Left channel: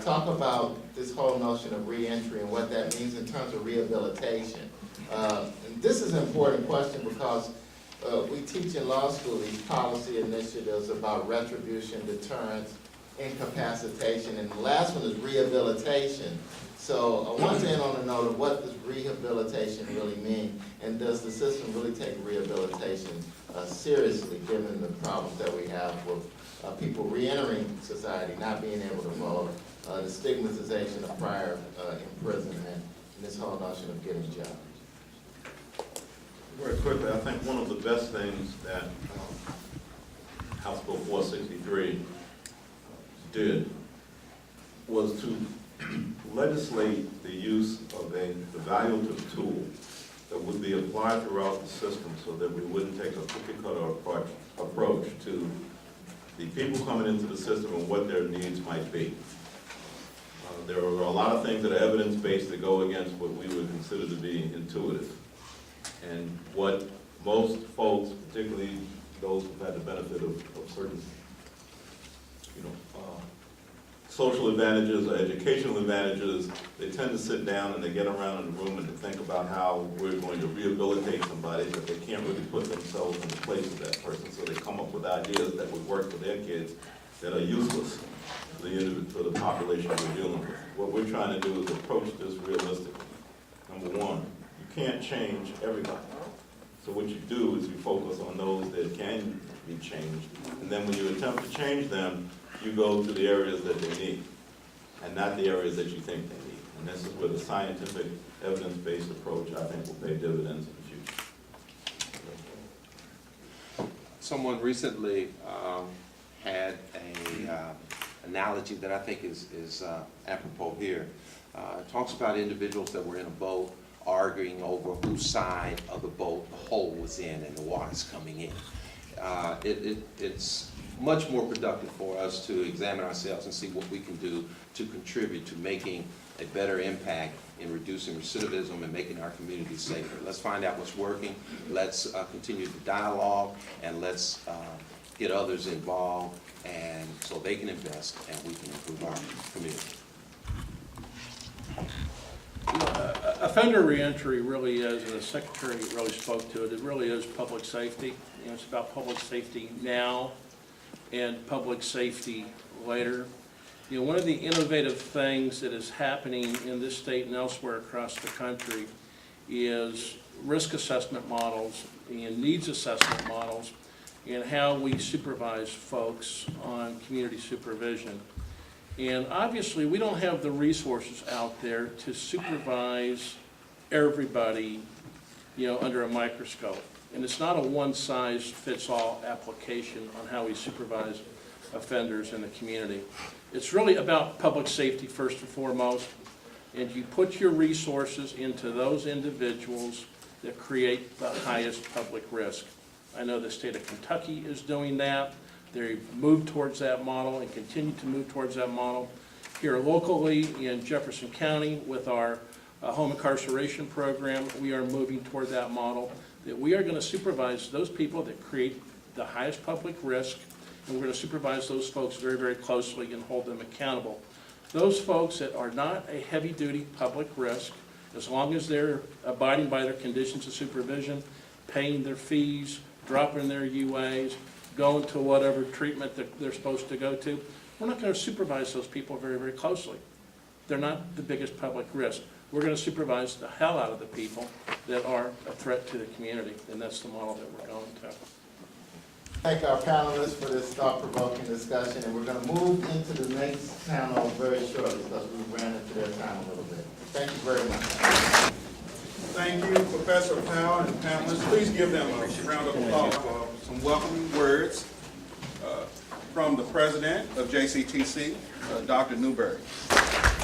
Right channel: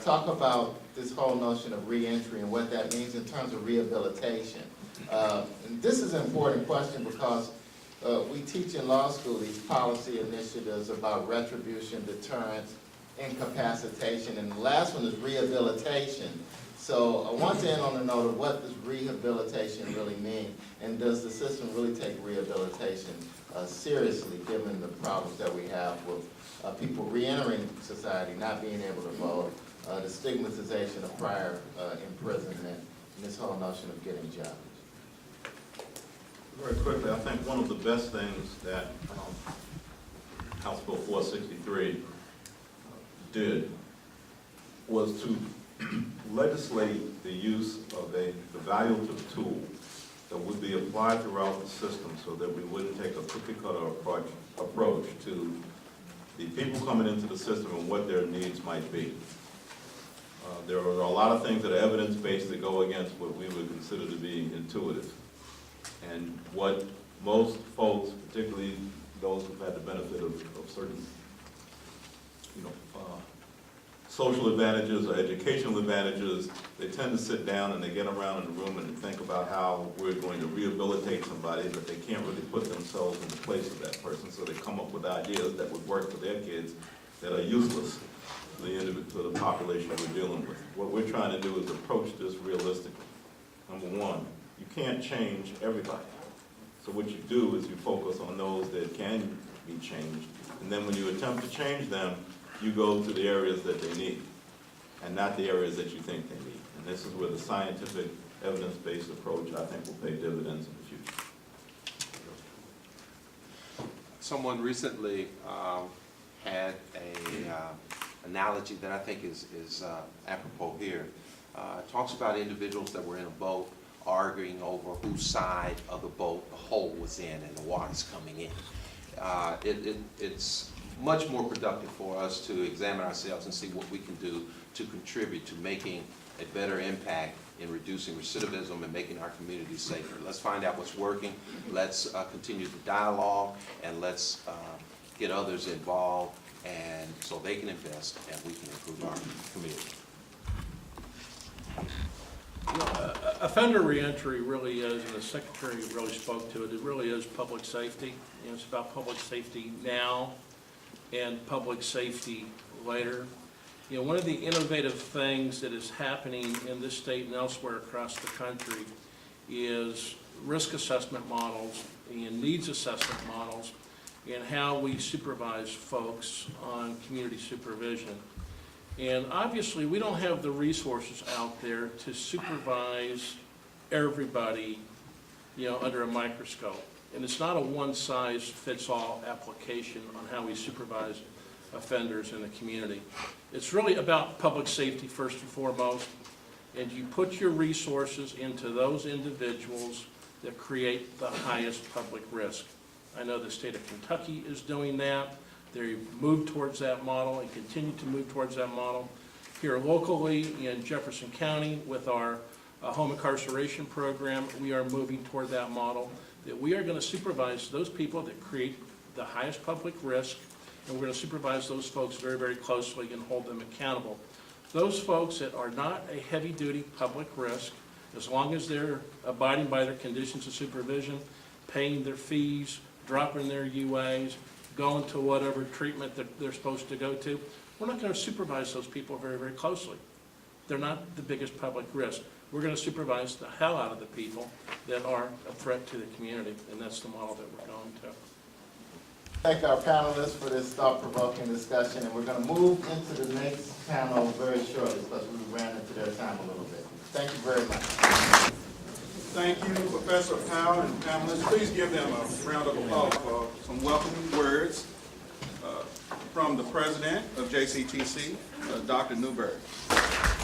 talk about this whole notion of reentry and what that means in terms of rehabilitation. And this is an important question because we teach in law school these policy initiatives about retribution, deterrence, incapacitation, and the last one is rehabilitation. So I want to end on a note of what does rehabilitation really mean, and does the system really take rehabilitation seriously, given the problems that we have with people reentering society, not being able to vote, the stigmatization of prior imprisonment, and this whole notion of getting jobs. Very quickly, I think one of the best things that House Bill 463 did was to legislate the use of a evaluative tool that would be applied throughout the system so that we wouldn't take a cookie-cutter approach to the people coming into the system and what their needs might be. There are a lot of things that are evidence-based that go against what we would consider to be intuitive. And what most folks, particularly those who've had the benefit of certain, social advantages or educational advantages, they tend to sit down and they get around in the room and they think about how we're going to rehabilitate somebody, but they can't really put themselves in the place of that person, so they come up with ideas that would work for their kids that are useless for the population we're dealing with. What we're trying to do is approach this realistically. Number one, you can't change everybody. So what you do is you focus on those that can be changed, and then when you attempt to change them, you go to the areas that they need, and not the areas that you think they need. And this is where the scientific, evidence-based approach, I think, will pay dividends in the future. Someone recently had a analogy that I think is apropos here. It talks about individuals that were in a boat arguing over whose side of the boat the hole was in and the water's coming in. It's much more productive for us to examine ourselves and see what we can do to contribute to making a better impact in reducing recidivism and making our communities safer. Let's find out what's working, let's continue the dialogue, and let's get others involved, and so they can invest and we can improve our community. Offender reentry really is, and the Secretary really spoke to it, it really is public safety. It's about public safety now and public safety later. One of the innovative things that is happening in this state and elsewhere across the country is risk assessment models and needs assessment models and how we supervise folks on community supervision. And obviously, we don't have the resources out there to supervise everybody, under a microscope. And it's not a one-size-fits-all application on how we supervise offenders in the community. It's really about public safety first and foremost, and you put your resources into those individuals that create the highest public risk. I know the state of Kentucky is doing that. They've moved towards that model and continue to move towards that model. Here locally in Jefferson County with our home incarceration program, we are moving toward that model, that we are going to supervise those people that create the highest public risk, and we're going to supervise those folks very, very closely and hold them accountable. Those folks that are not a heavy-duty public risk, as long as they're abiding by their conditions of supervision, paying their fees, dropping their UAs, going to whatever treatment that they're supposed to go to, we're not going to supervise those people very, very closely. They're not the biggest public risk. We're going to supervise the hell out of the people that are a threat to the community, and that's the model that we're going to. Thank our panelists for this thought-provoking discussion, and we're going to move into the next panel very shortly because we ran into their time a little bit. Thank you very much. Thank you, Professor Powell and panelists. Please give them a round of applause for some welcoming words from the president of JCTC, Dr. Newberry.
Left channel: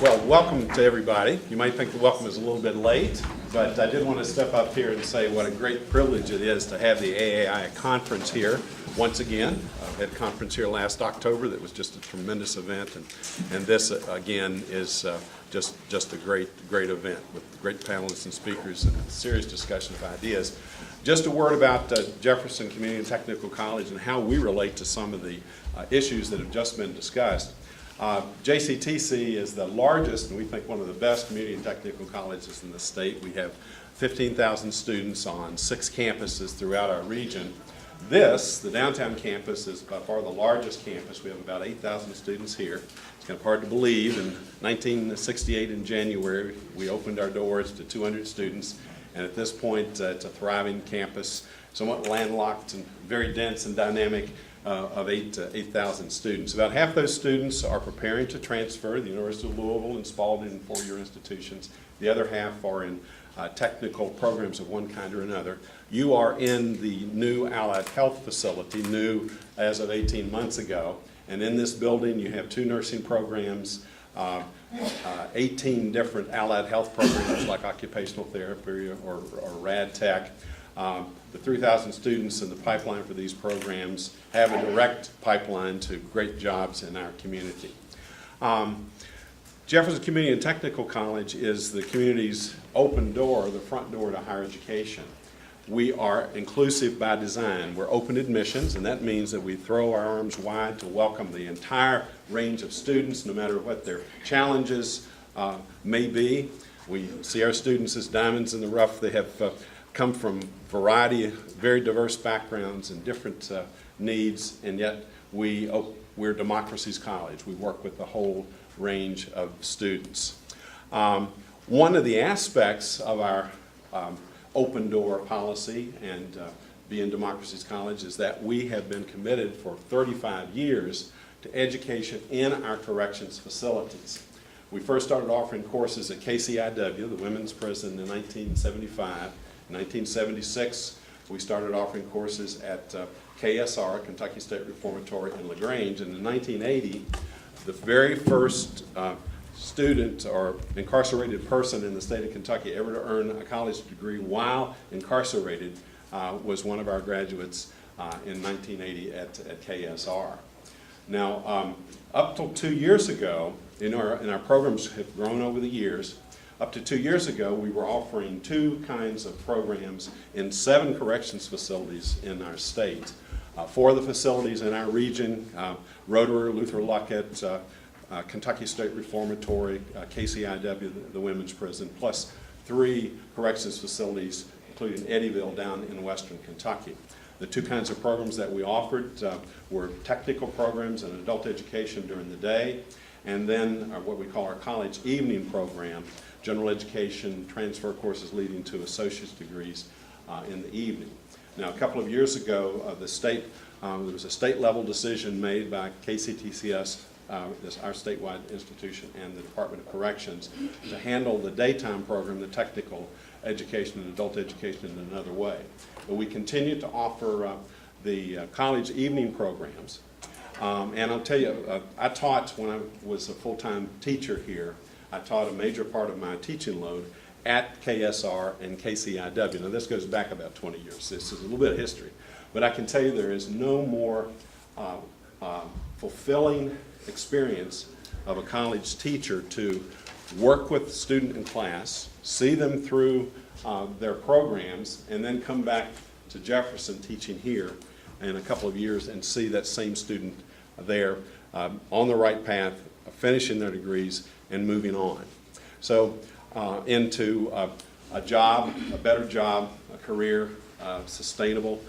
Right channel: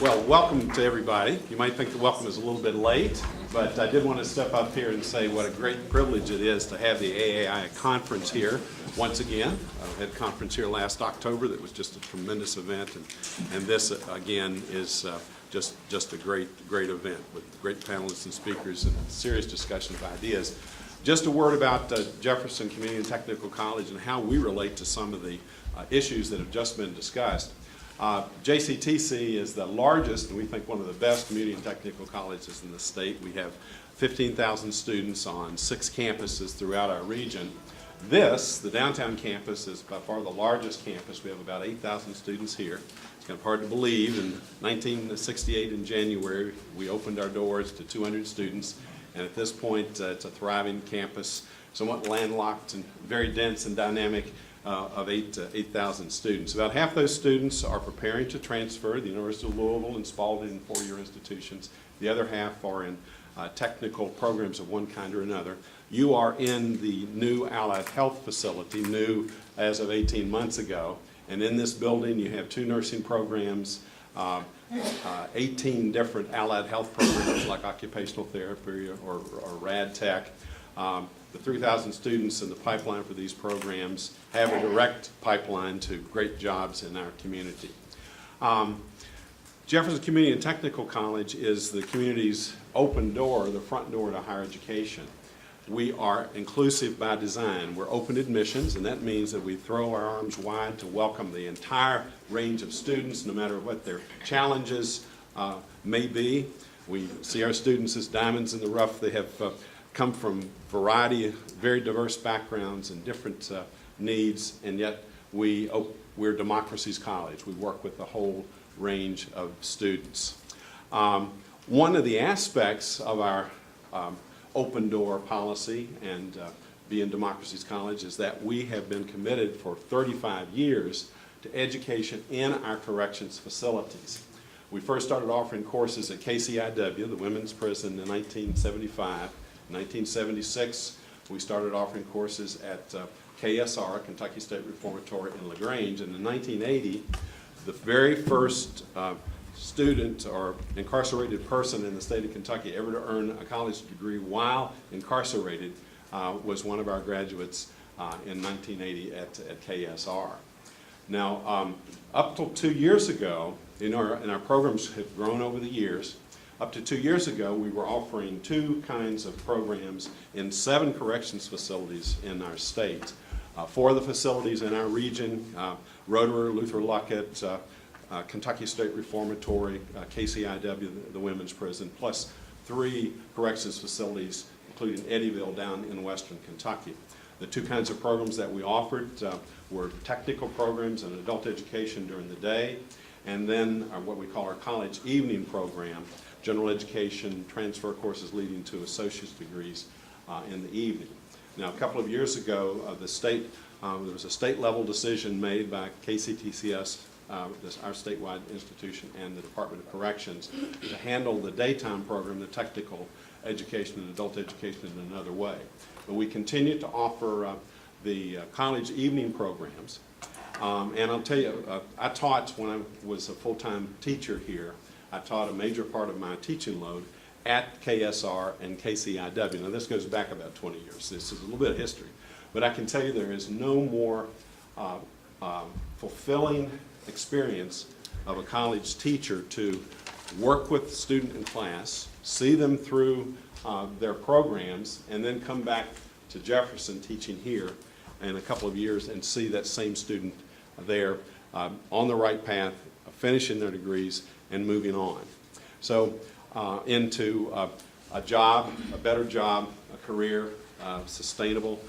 Well, welcome to everybody. You might think the welcome is a little bit late, but I did want to step up here and say what a great privilege it is to have the AAI conference here once again. We had a conference here last October that was just a tremendous event, and this again is just a great event with great panelists and speakers and serious discussion of ideas. Just a word about Jefferson Community and Technical College and how we relate to some of the issues that have just been discussed. JCTC is the largest, and we think one of the best community and technical colleges in the state. We have 15,000 students on 6 campuses throughout our region. This, the downtown campus, is by far the largest campus. We have about 8,000 students here. It's kind of hard to believe. In 1968, in January, we opened our doors to 200 students, and at this point, it's a thriving campus, somewhat landlocked and very dense and dynamic, of 8,000 students. About half those students are preparing to transfer to the University of Louisville and Spalding and four-year institutions. The other half are in technical programs of one kind or another. You are in the new Allied Health facility, new as of 18 months ago. And in this building, you have 2 nursing programs, 18 different allied health programs like occupational therapy or rad tech. The 3,000 students in the pipeline for these programs have a direct pipeline to great jobs in our community. Jefferson Community and Technical College is the community's open door, the front door to higher education. We are inclusive by design. We're open admissions, and that means that we throw our arms wide to welcome the entire range of students, no matter what their challenges may be. We see our students as diamonds in the rough. They have come from variety, very diverse backgrounds and different needs, and yet we're Democracy's College. We work with the whole range of students. One of the aspects of our open door policy and being Democracy's College is that we have been committed for 35 years to education in our corrections facilities. We first started offering courses at KCIW, the women's prison, in 1975. In 1976, we started offering courses at KSR, Kentucky State Reformatory in LaGrange, and in 1980, the very first student or incarcerated person in the state of Kentucky ever to earn a college degree while incarcerated was one of our graduates in 1980 at KSR. Now, up till 2 years ago, and our programs have grown over the years. Up to 2 years ago, we were offering 2 kinds of programs in 7 corrections facilities in our state. 4 of the facilities in our region, Rotorua, Luther Luckett, Kentucky State Reformatory, KCIW, the women's prison, plus 3 corrections facilities, including Eddyville down in western Kentucky. The 2 kinds of programs that we offered were technical programs and adult education during the day, and then what we call our college evening program, general education, transfer courses leading to associate's degrees in the evening. Now, a couple of years ago, there was a state-level decision made by KCTCS, our statewide institution, and the Department of Corrections to handle the daytime program, the technical education and adult education in another way. But we continue to offer the college evening programs. And I'll tell you, I taught when I was a full-time teacher here. I taught a major part of my teaching load at KSR and KCIW. Now, this goes back about 20 years. This is a little bit of history. But I can tell you there is no more fulfilling experience of a college teacher to work with the student in class, see them through their programs, and then come back to Jefferson teaching here in a couple of years and see that same student there on the right path, finishing their degrees and moving on. So into a job, a better job, a career, sustainable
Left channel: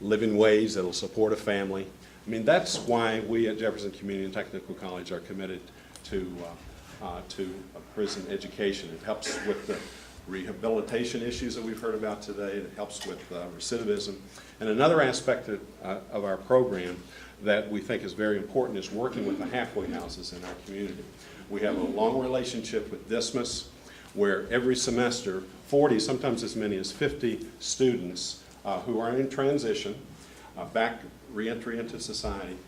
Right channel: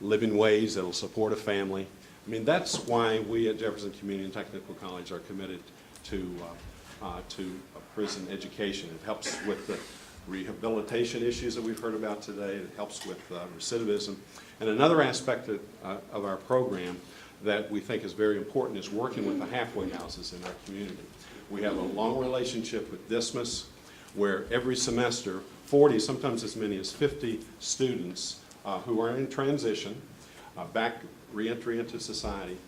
living wage that will support a family. I mean, that's why we at Jefferson Community and Technical College are committed to prison education. It helps with the rehabilitation issues that we've heard about today. It helps with recidivism. And another aspect of our program that we think is very important is working with the halfway houses in our community. We have a long relationship with Dismas, where every semester 40, sometimes as many as 50 students who are in transition, back reentry into society,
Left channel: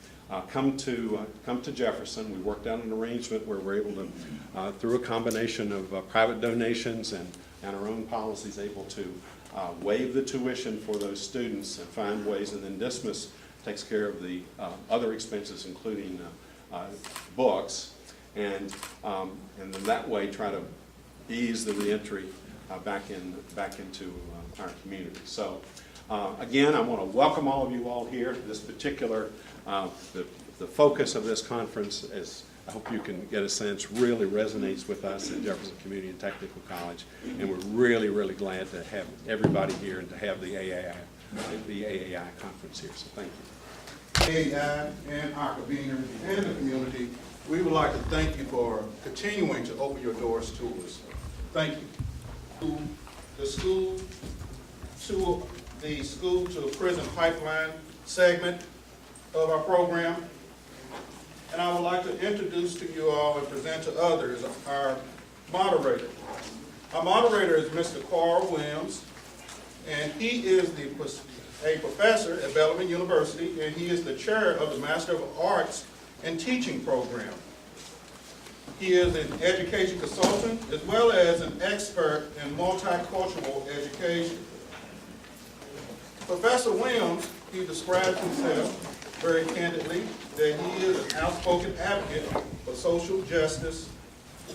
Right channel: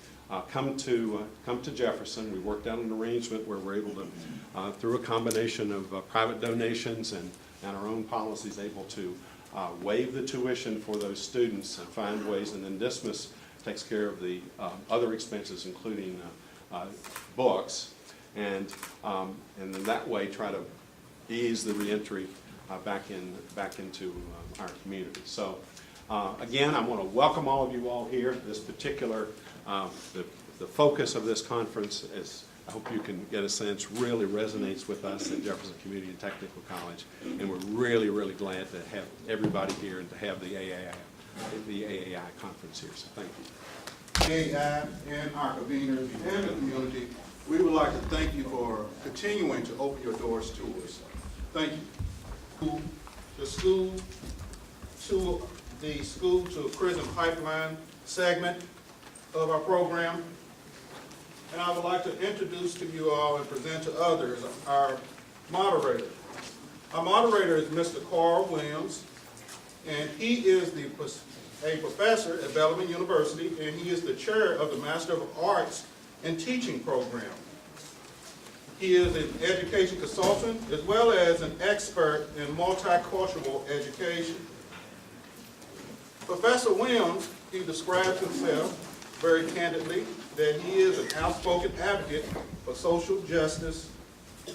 come to Jefferson. We worked out an arrangement where we're able to, through a combination of private donations and our own policies, able to waive the tuition for those students and find ways, and then Dismas takes care of the other expenses, including books, and in that way try to ease the reentry back into our community. So again, I want to welcome all of you all here. This particular, the the focus of this conference, as I hope you can get a sense, really resonates with us at Jefferson Community and Technical College, and we're really, really glad to have everybody here and to have the AAI conference here, so thank you. AAI and our conveners and the community, we would like to thank you for continuing to open your doors to us. Thank you. To the school to prison pipeline segment of our program. And I would like to introduce to you all and present to others our moderator. Our moderator is Mr. Carl Williams, and he is a professor at Bellarmine University, and he is the chair of the Master of Arts in Teaching program. He is an education consultant as well as an expert in multicultural education. Professor Williams, he describes himself very candidly that he is an outspoken advocate for social justice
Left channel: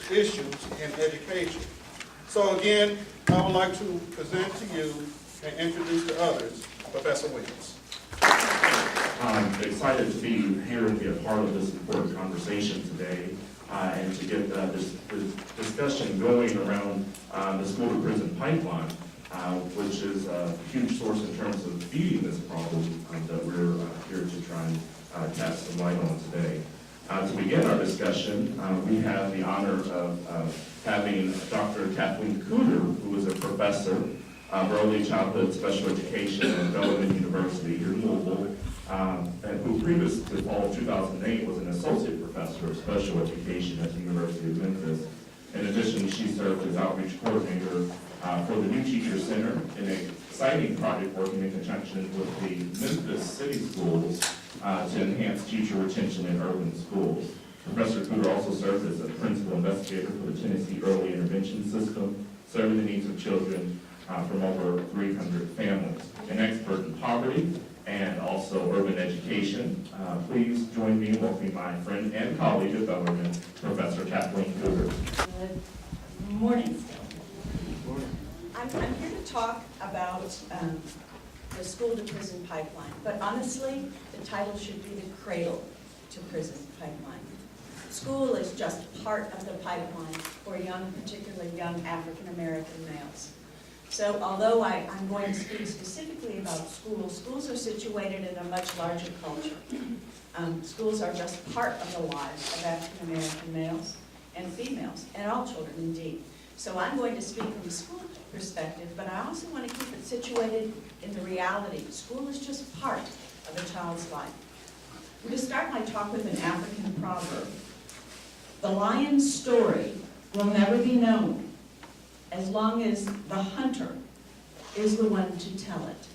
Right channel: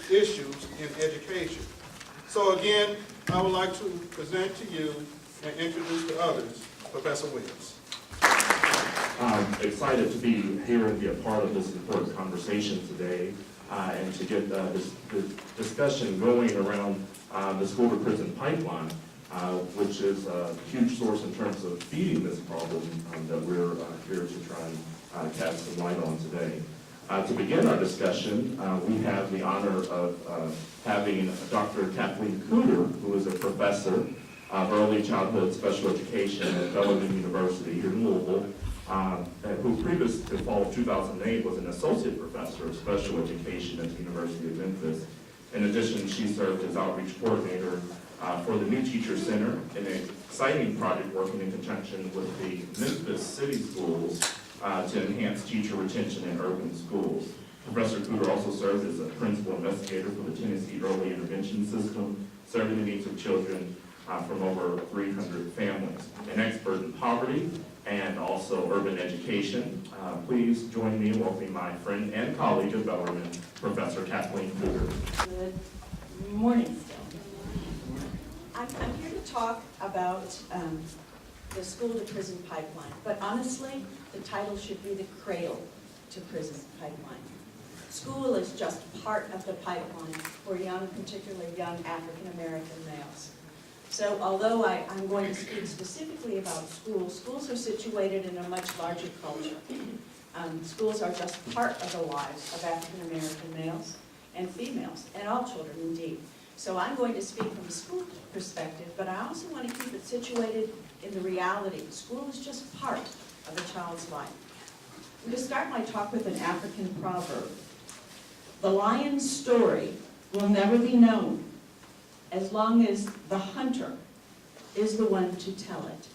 issues in education. So again, I would like to present to you and introduce to others Professor Williams. I'm excited to be here and be a part of this important conversation today and to get this discussion going around the school to prison pipeline, which is a huge source in terms of feeding this problem that we're here to try and cast some light on today. To begin our discussion, we have the honor of having Dr. Kathleen Cooter, who is a professor of early childhood special education at Bellarmine University here in Louisville, and who previous to fall of 2008 was an associate professor of special education at the University of Memphis. In addition, she served as outreach coordinator for the New Teacher Center, an exciting project working in conjunction with the Memphis City Schools to enhance teacher retention in urban schools. Professor Cooter also served as a principal investigator for the Tennessee Early Intervention System, serving the needs of children from over 300 families. An expert in poverty and also urban education. Please join me in welcoming my friend and colleague at Bellarmine, Professor Kathleen Cooter. Good morning still. I'm here to talk about the school to prison pipeline, but honestly, the title should be the cradle to prison pipeline. School is just part of the pipeline for young, particularly young African American males. So although I'm going to speak specifically about schools, schools are situated in a much larger culture. Schools are just part of the lives of African American males and females, and all children indeed. So I'm going to speak from a school perspective, but I also want to keep it situated in the reality. School is just part of a child's life. I'm going to start my talk with an African proverb. The lion's story will never be known as long as the hunter is the one to tell it.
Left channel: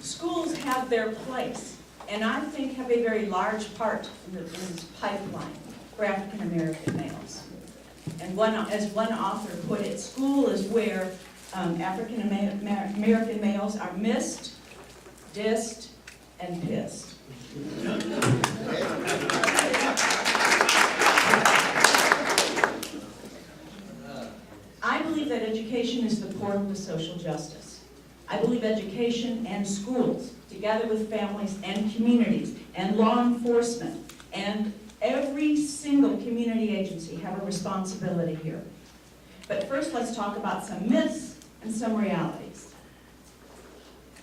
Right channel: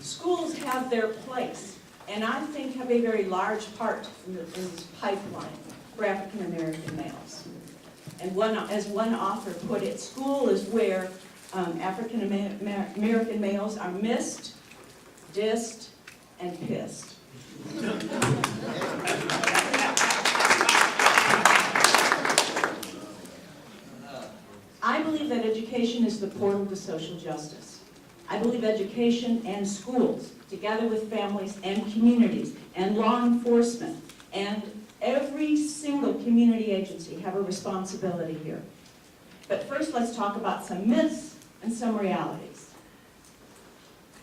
Schools have their place, and I think have a very large part in this pipeline for African American males. And as one author put it, school is where African American males are missed, dissed, and pissed. I believe that education is the portal to social justice. I believe education and schools, together with families and communities and law enforcement and every single community agency, have a responsibility here. But first, let's talk about some myths and some realities.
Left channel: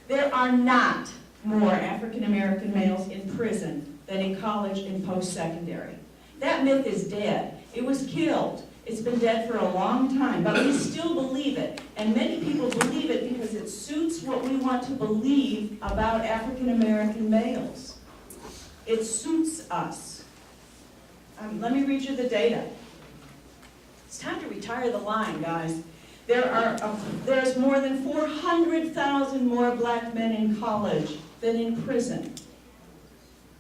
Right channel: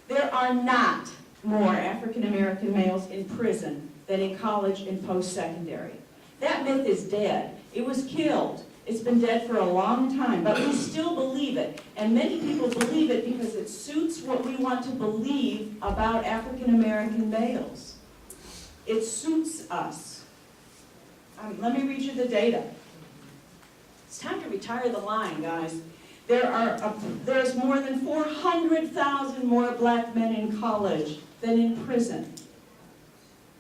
There are not more African American males in prison than in college and post-secondary. That myth is dead. It was killed. It's been dead for a long time, but we still believe it. And many people believe it because it suits what we want to believe about African American males. It suits us. Let me read you the data. It's time to retire the line, guys. There's more than 400,000 more black men in college than in prison.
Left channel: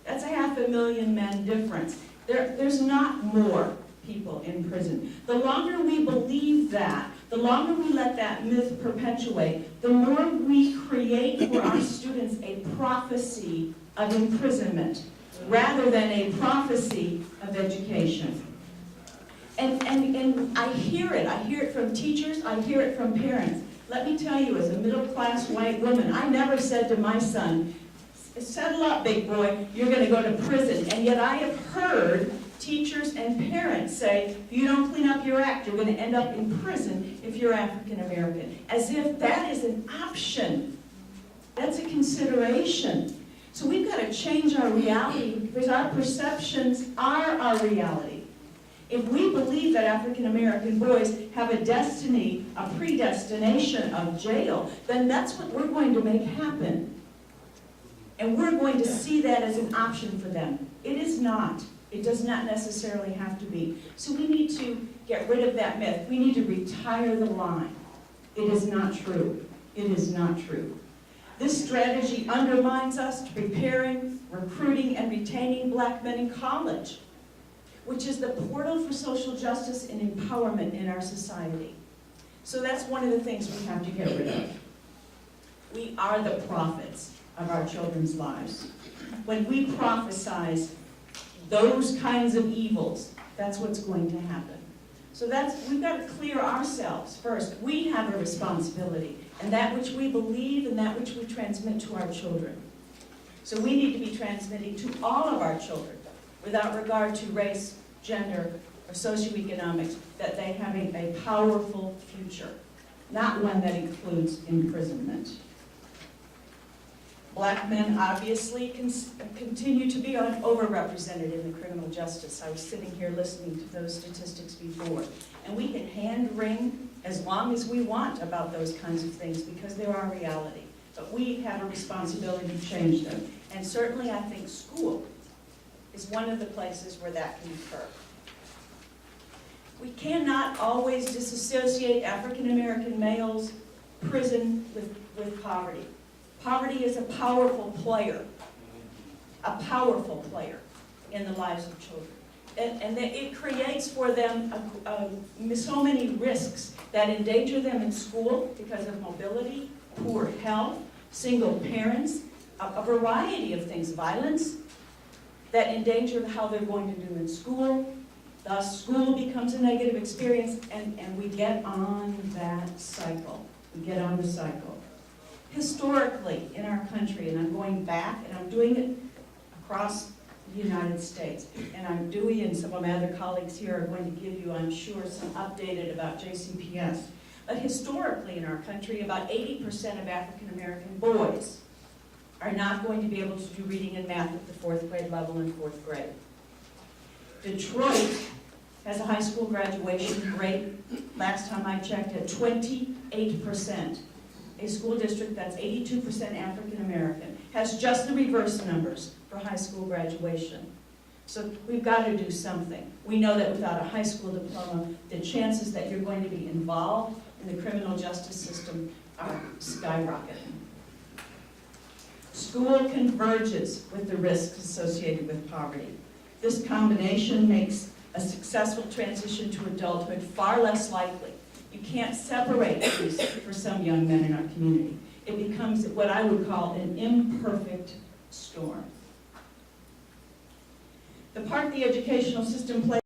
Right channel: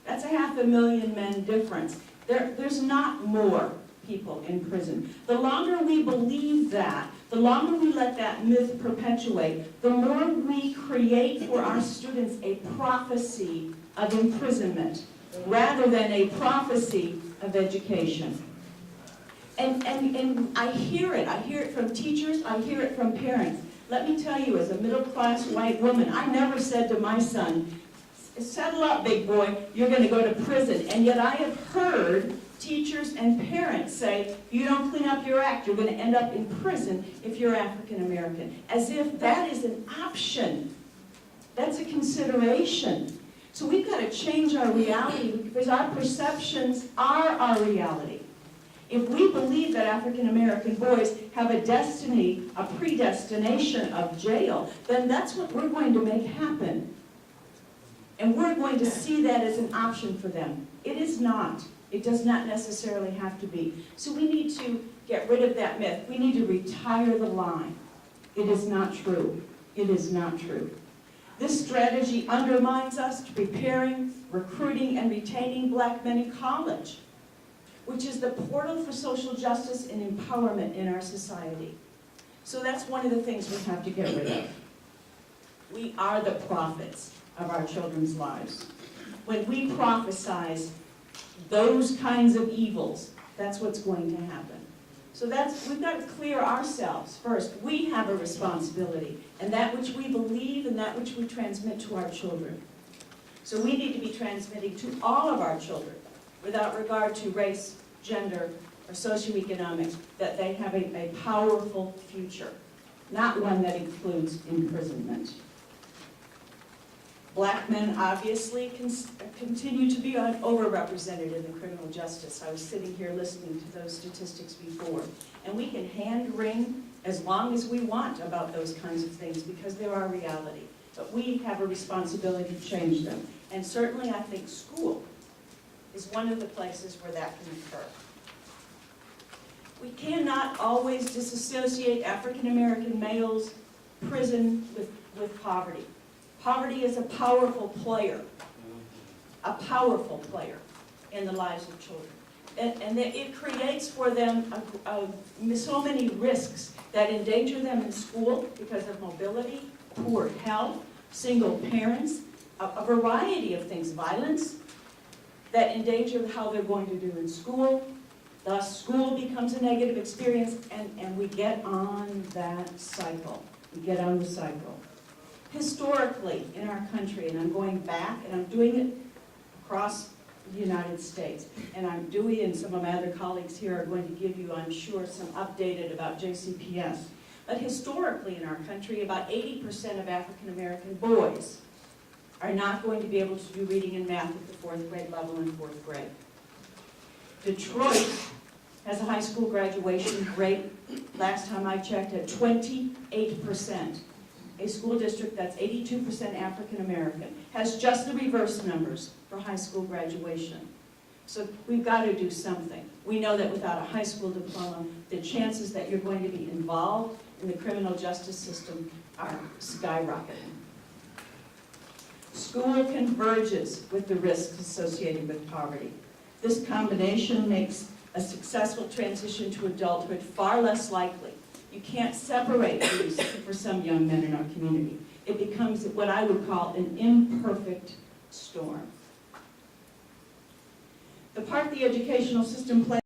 That's a 500,000 men difference. There's not more people in prison. The longer we believe that, the longer we let that myth perpetuate, the more we create for our students a prophecy of imprisonment rather than a prophecy of education. And I hear it from teachers, I hear it from parents. Let me tell you, as a middle-class white woman, I never said to my son, settle up, big boy, you're gonna go to prison. And yet I have heard teachers and parents say, if you don't clean up your act, you're gonna end up in prison if you're African American. As if that is an option. That's a consideration. So we've got to change our reality because our perceptions are our reality. If we believe that African American boys have a destiny, a predestination of jail, then that's what we're going to make happen. And we're going to see that as an option for them. It is not. It does not necessarily have to be. So we need to get rid of that myth. We need to retire the line. It is not true. It is not true. This strategy undermines us to preparing, recruiting, and retaining black men in college, which is the portal for social justice and empowerment in our society. So that's one of the things we have to get rid of. We are the prophets of our children's lives. When we prophesize those kinds of evils, that's what's going to happen. So we've got to clear ourselves first. We have a responsibility, and that which we believe and that which we transmit to our children. So we need to be transmitting to all of our children, without regard to race, gender, or socioeconomics, that they have a powerful future, not one that includes imprisonment. Black men obviously continue to be overrepresented in the criminal justice. I was sitting here listening to those statistics before. And we can hand-wring as long as we want about those kinds of things because they're our reality. But we have a responsibility to change them. And certainly I think school is one of the places where that can occur. We cannot always disassociate African American males' prison with poverty. Poverty is a powerful player in the lives of children. And it creates for them so many risks that endanger them in school because of mobility, poor health, single parents, a variety of things, violence, that endanger how they're going to do in school. Thus, school becomes a negative experience, and we get on that cycle. We get on the cycle. Historically, in our country, and I'm going back, and I'm doing it across the United States, and I'm doing, and some of my other colleagues here are going to give you, I'm sure, some updated about JCPS. But historically in our country, about 80% of African American boys are not going to be able to do reading and math at the 4th grade level in 4th grade. Detroit has a high school graduation rate, last time I checked, at 28%. A school district that's 82% African American has just the reverse numbers for high school graduation. So we've got to do something. We know that without a high school diploma, the chances that you're going to be involved in the criminal justice system are skyrocketing. School converges with the risks associated with poverty. This combination makes a successful transition to adulthood far less likely. You can't separate these for some young men in our community. It becomes what I would call an imperfect storm. The part the educational system plays